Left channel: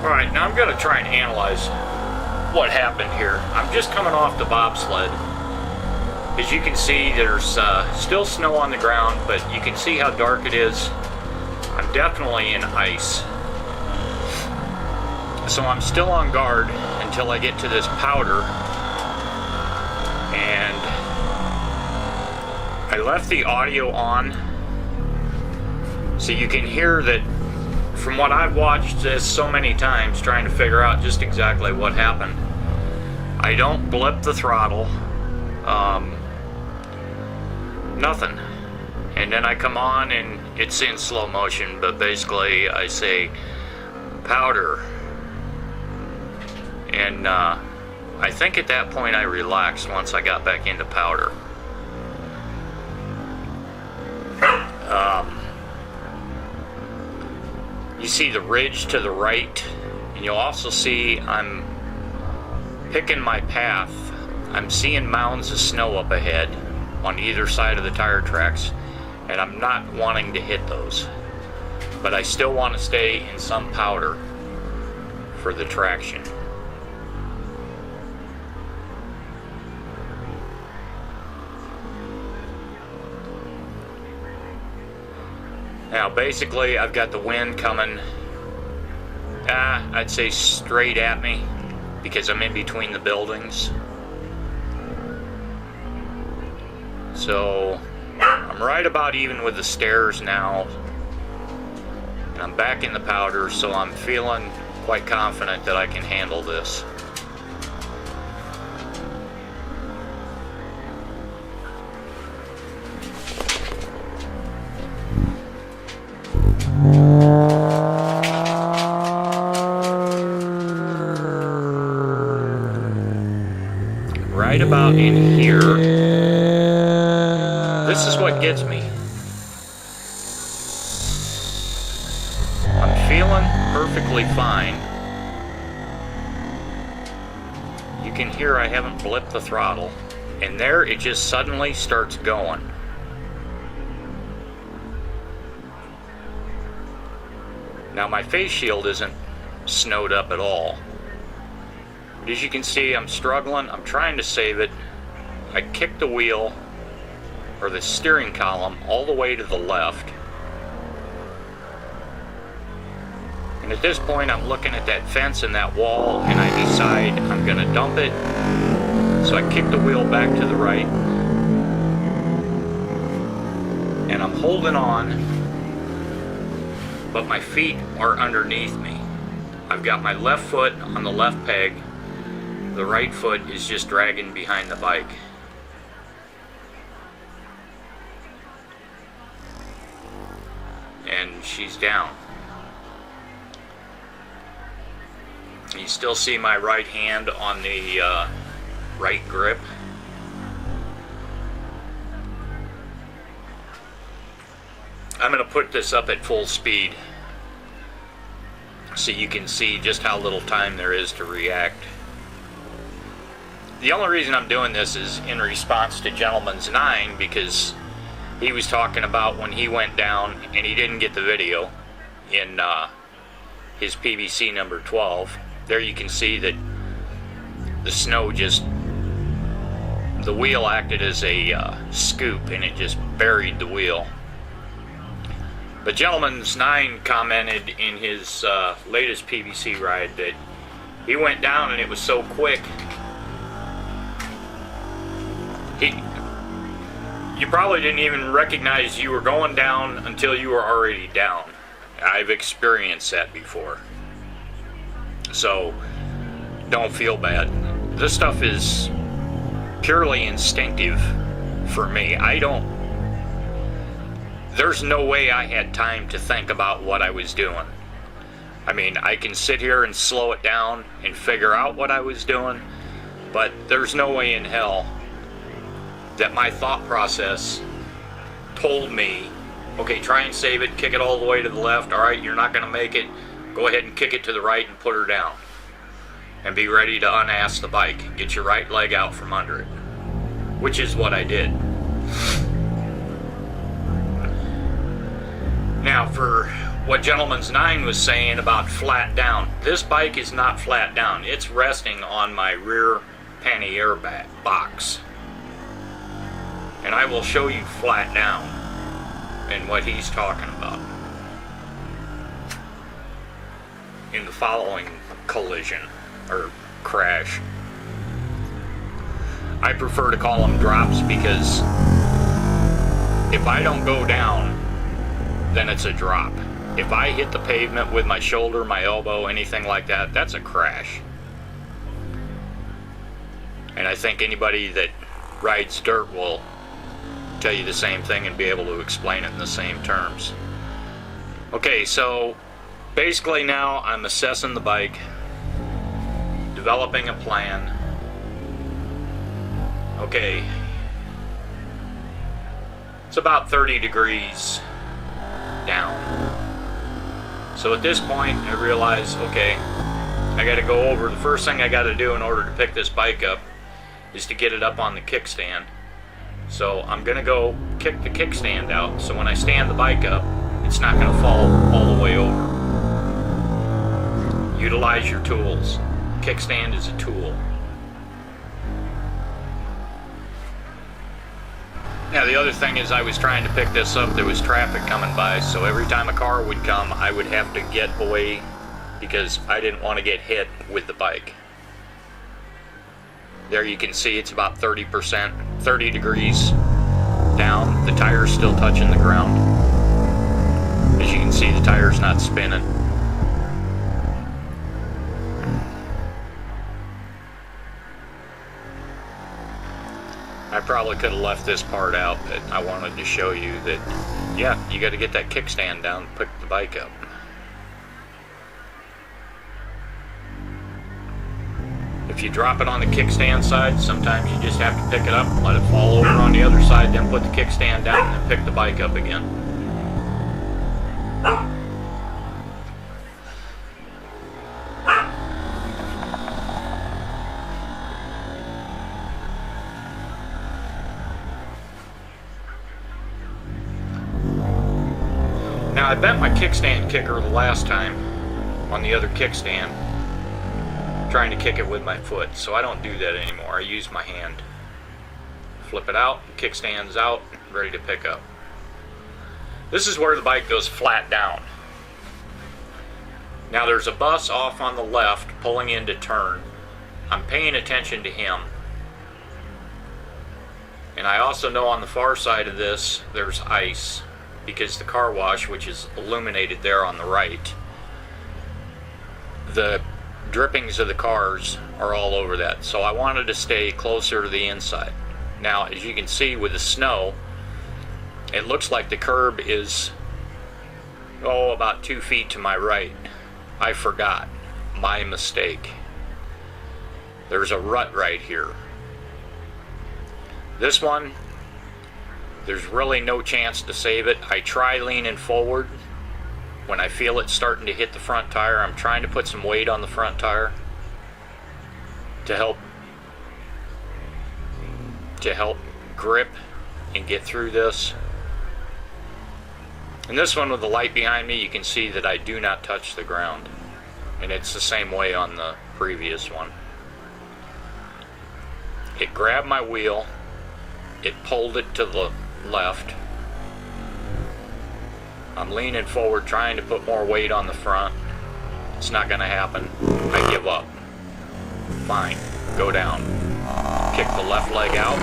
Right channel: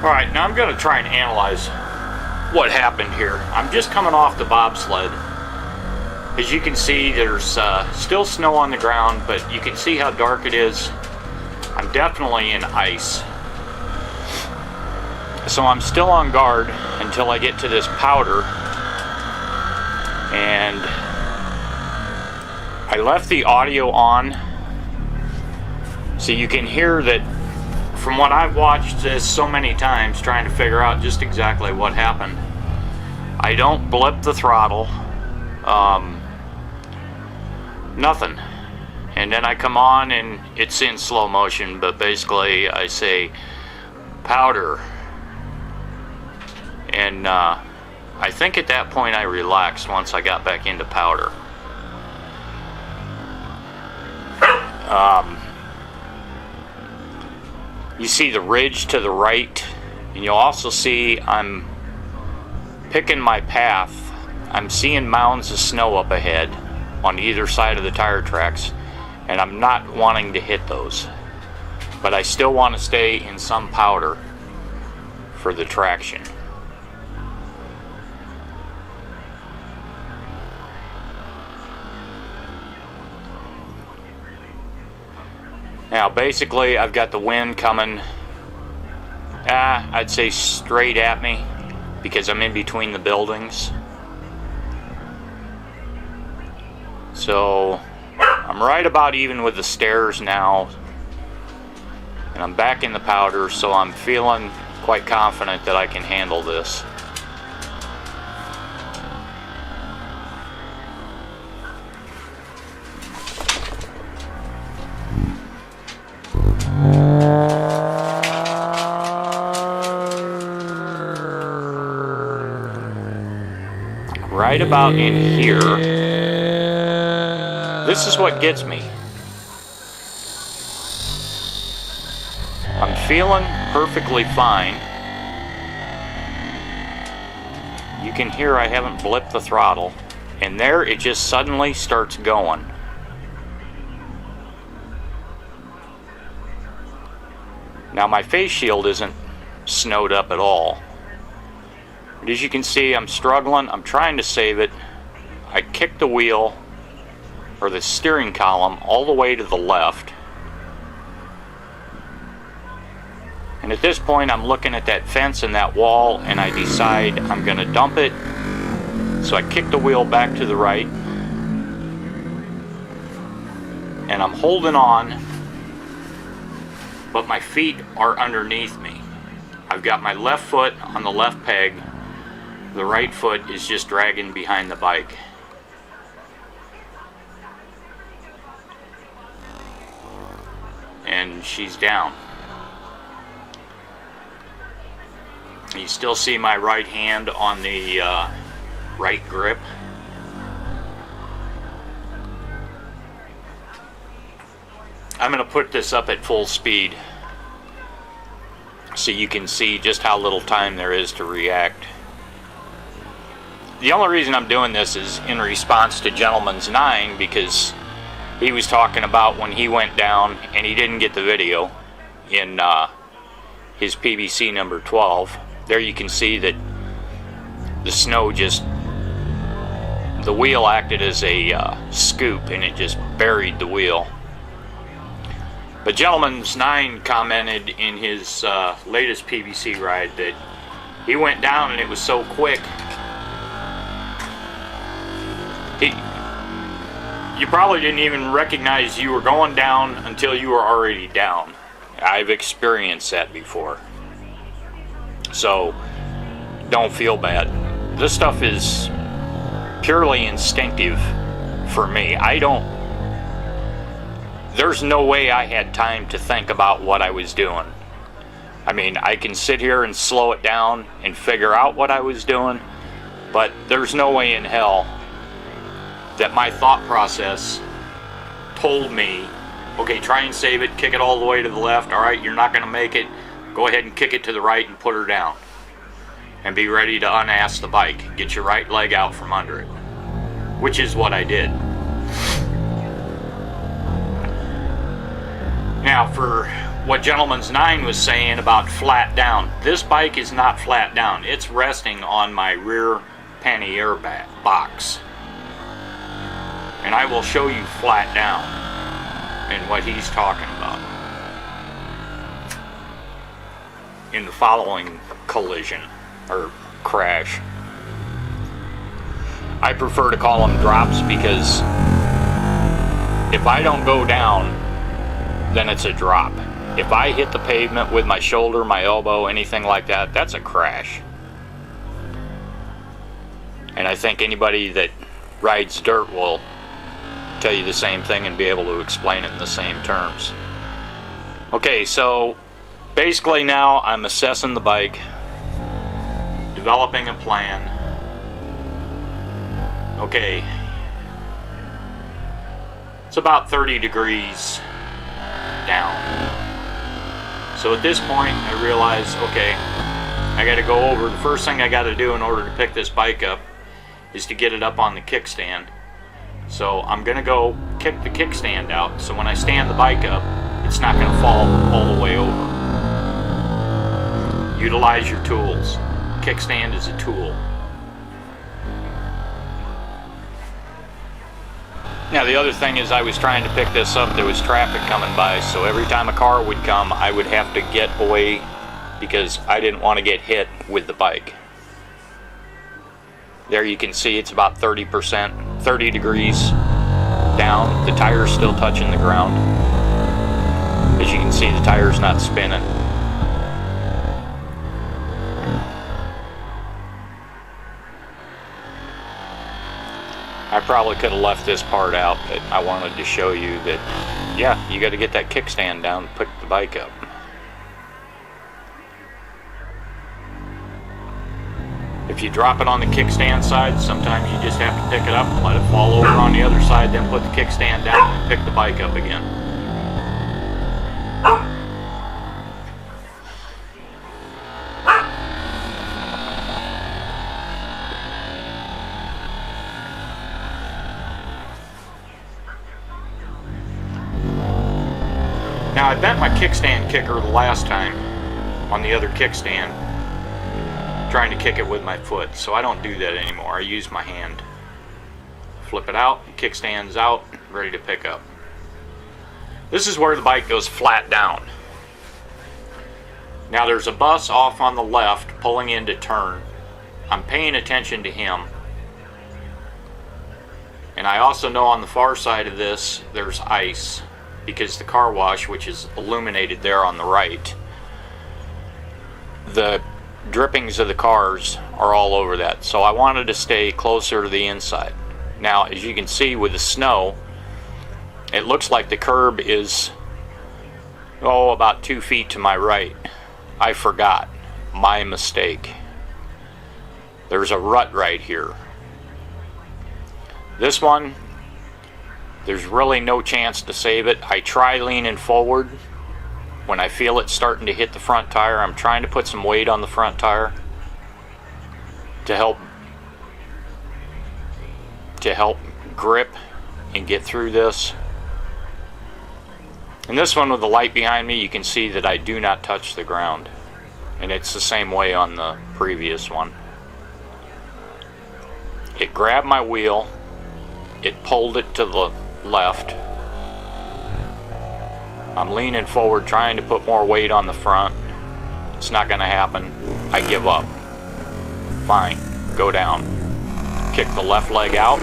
Alright, now I'm going to try and analyze what happened here. I'm just coming off the bobsled. As you can see, there's still snow on the ground, but you can see how dark it is. I'm definitely in ice. So I'm still on guard until I get to this powder. And I left the audio on so you can hear that. From what I've watched this so many times trying to figure out just exactly what happened, I don't blip the throttle, nothing. And then I come on and it's in slow motion, but basically I say powder. And I think at that point I relaxed once I got back into powder. You see the ridge to the right, and you'll also see I'm picking my path. I'm seeing mounds of snow up ahead on either side of the tire tracks, and I'm not wanting to hit those. But I still want to stay in some powder for the traction. Now basically I've got the wind coming, I'd say straight at me because I'm in between the buildings. So I'm right about even with the stairs now, and I'm back in the powder, so I'm feeling quite confident that I can handle this. Right about in here, this is what gets me. I'm feeling perfectly fine. You can hear I haven't blipped the throttle, and there it just suddenly starts going. Now my face shield isn't snowed up at all. But as you can see, I'm struggling. I'm trying to save it. I kicked the wheel, or the steering column, all the way to the left. And at this point, I'm looking at that fence and that wall, and I decide I'm going to dump it. So I kick the wheel back to the right. And I'm holding on, but my feet are underneath me. I've got my left foot on the left peg. The right foot is just dragging behind the bike. And she's down. You still see my right hand on the right grip. I'm going to put this up at full speed so you can see just how little time there is to react. The only reason I'm doing this is in response to Gentleman's 9, because he was talking about when he went down and he didn't get the video in his PBC number 12. There you can see that the snow just, the wheel acted as a scoop and it just buried the wheel. But Gentleman's 9 commented in his latest PBC ride that he went down and it was so quick. You probably didn't even recognize you were going down until you were already down. I've experienced that before. So, don't feel bad. This stuff is purely instinctive for me. There's no way I had time to think about what I was doing. I mean, I can sit here and slow it down and figure out what I was doing, but there's no way in hell that my thought process told me, okay, try and save it, kick it all the way to the left, alright, you're not going to make it, go ahead and kick it to the right and put her down. And be ready to unass the bike. Get your right leg out from under it. Which is what I did. Now, for what Gentleman's 9 was saying about flat down. This bike is not flat down. It's resting on my rear pannier box. And I will show you flat down and what he's talking about in the following collision or crash. I prefer to call them drops because if I don't go down, then it's a drop. If I hit the pavement with my shoulder, my elbow, anything like that, that's a crash. And I think anybody that rides dirt will tell you the same thing and be able to explain it in the same terms. Okay, so basically now I'm assessing the bike, developing a plan. Okay, it's about 30 degrees down. So at this point I realize, okay, I got to go over. The first thing I got to do in order to pick this bike up is to get it up on the kickstand. So I'm going to go kick the kickstand out, so when I stand the bike up, it's not going to fall all the way over. Utilize your tools. Kickstand is a tool. Now the other thing is I was trying to pick this up, there was traffic coming by, so every time a car would come I would have to get away because I didn't want to get hit with the bike. There you can see it's about 30 degrees down. The tire's still touching the ground. As you can see, the tire's not spinning. I probably could have left this part out, but I wanted to show you that, yeah, you got to get that kickstand down to pick the bike up. If you drop it on the kickstand side, sometimes you just have to pick it up, let it fall over on the other side, then put the kickstand down and pick the bike up again. Now I bent my kickstand kicker the last time on the other kickstand, trying to kick it with my foot, so I don't do that anymore. I use my hand. Flip it out, kickstand's out, ready to pick up. This is where the bike goes flat down. Now there's a bus off on the left pulling in to turn. I'm paying attention to him. And I also know on the far side of this there's ice, because the car wash, which is illuminated there on the right, the drippings of the cars are all over that. So I wanted to stay closer to the inside. Now, as you can see with the snow, it looks like the curb is, about 2 feet to my right. I forgot. My mistake. There's a rut right here. This one, there's really no chance to save it. I try leaning forward. When I feel it starting to hit the front tire, I'm trying to put some weight on the front tire to help grip and get through this. And this one with the light behind me, you can see that I do not touch the ground. And it's the same way on the previous one. It grabbed my wheel, it pulled it to the left. I'm leaning forward trying to put more weight on the front. It's not going to happen. I give up. Fine, go down. Kick the left leg out.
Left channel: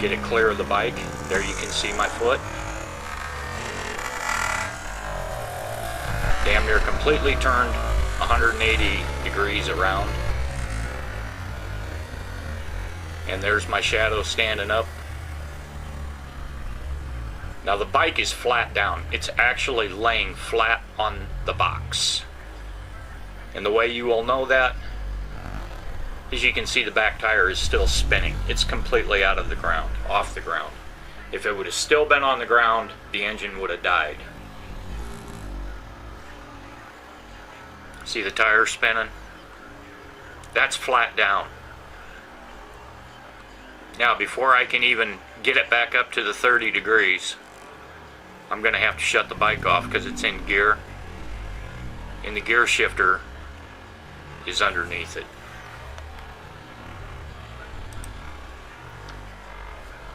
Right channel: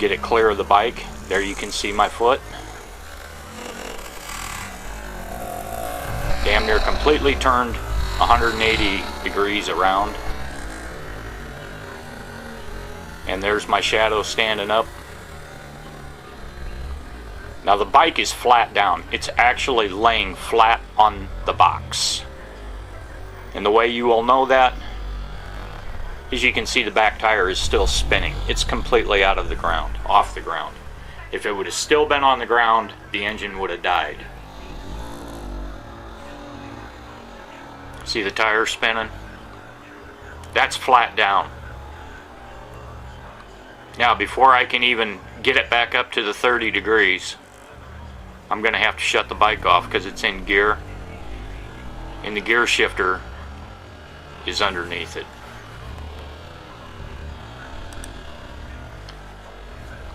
Get it clear of the bike. There you can see my foot. Damn near completely turned 180 degrees around. And there's my shadow standing up. Now the bike is flat down. It's actually laying flat on the box. And the way you will know that is you can see the back tire is still spinning. It's completely out of the ground, off the ground. If it would have still been on the ground, the engine would have died. See the tire spinning? That's flat down. Now before I can even get it back up to the 30 degrees, I'm going to have to shut the bike off because it's in gear, and the gear shifter is underneath it.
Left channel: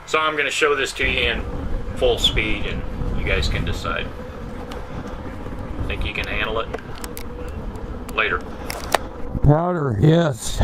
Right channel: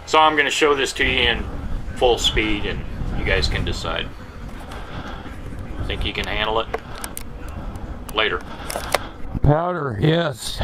So I'm going to show this to you in full speed and you guys can decide. Think you can handle it? Later. Powder, yes.